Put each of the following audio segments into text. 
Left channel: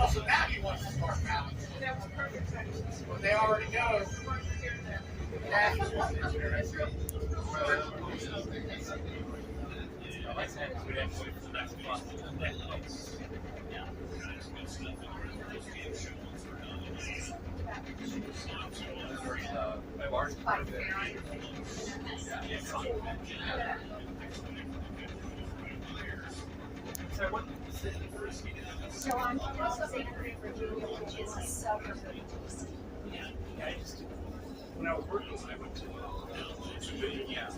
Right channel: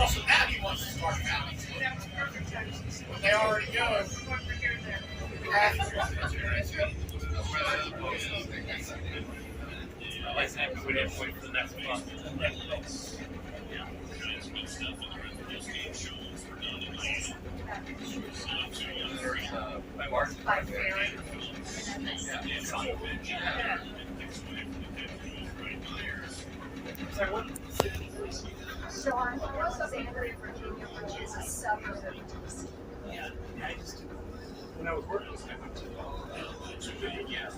Also, now he wants to start counting. But they already go. Like that, we didn't wait for the next one. My margin. Sorry, what? So I'm from Alexandria, Virginia, which is a suburb of DC. Yeah, I just, when I was working, I went to yeah.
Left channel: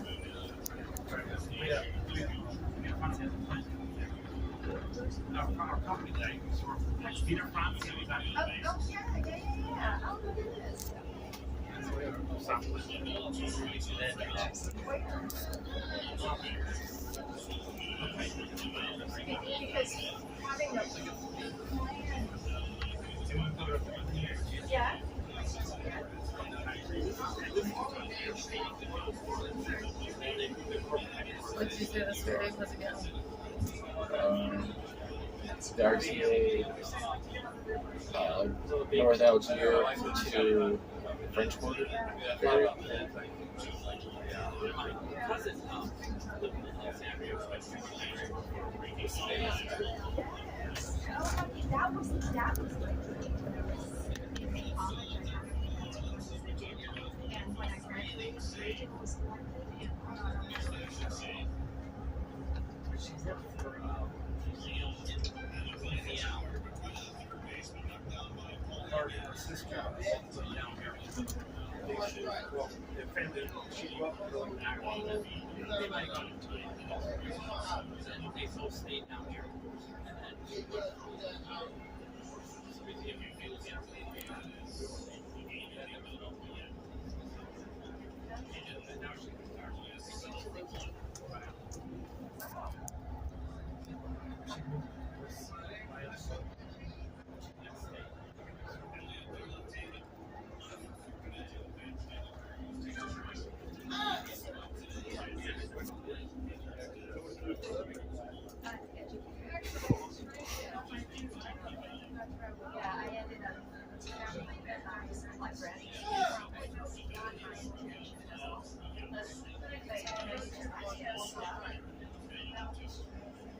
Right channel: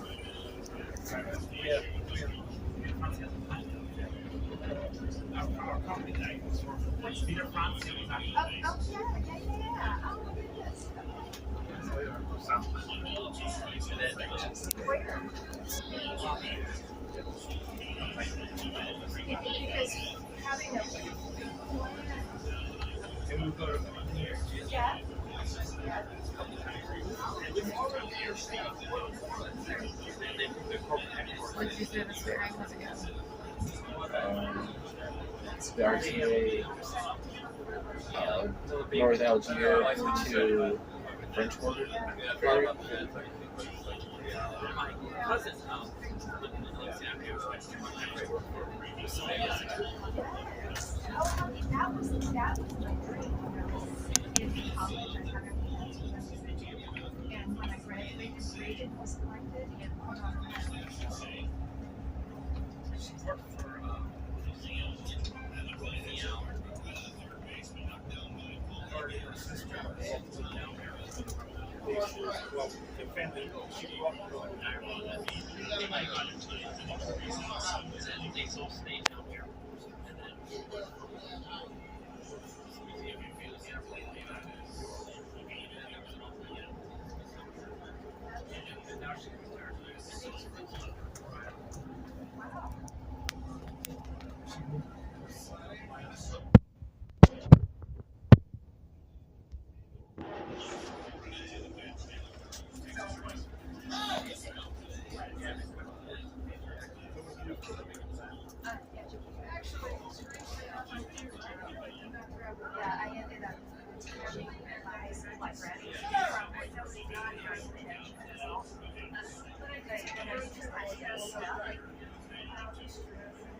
Sorry, our company that I used to work for, which Peter France, Oh, yeah. Oh, look at this. Where? Because having a plan. and we go to Yeah. What did you say the street name was again? The RTA, North Algiers to French border area. cousin's house lived in Alexandria. That was my dream when I was in college. I had a plan to go to Virginia. And when I graduated, Reagan was elected and put on a She worked for her sister lived down here. Well, the family, she grew up really active.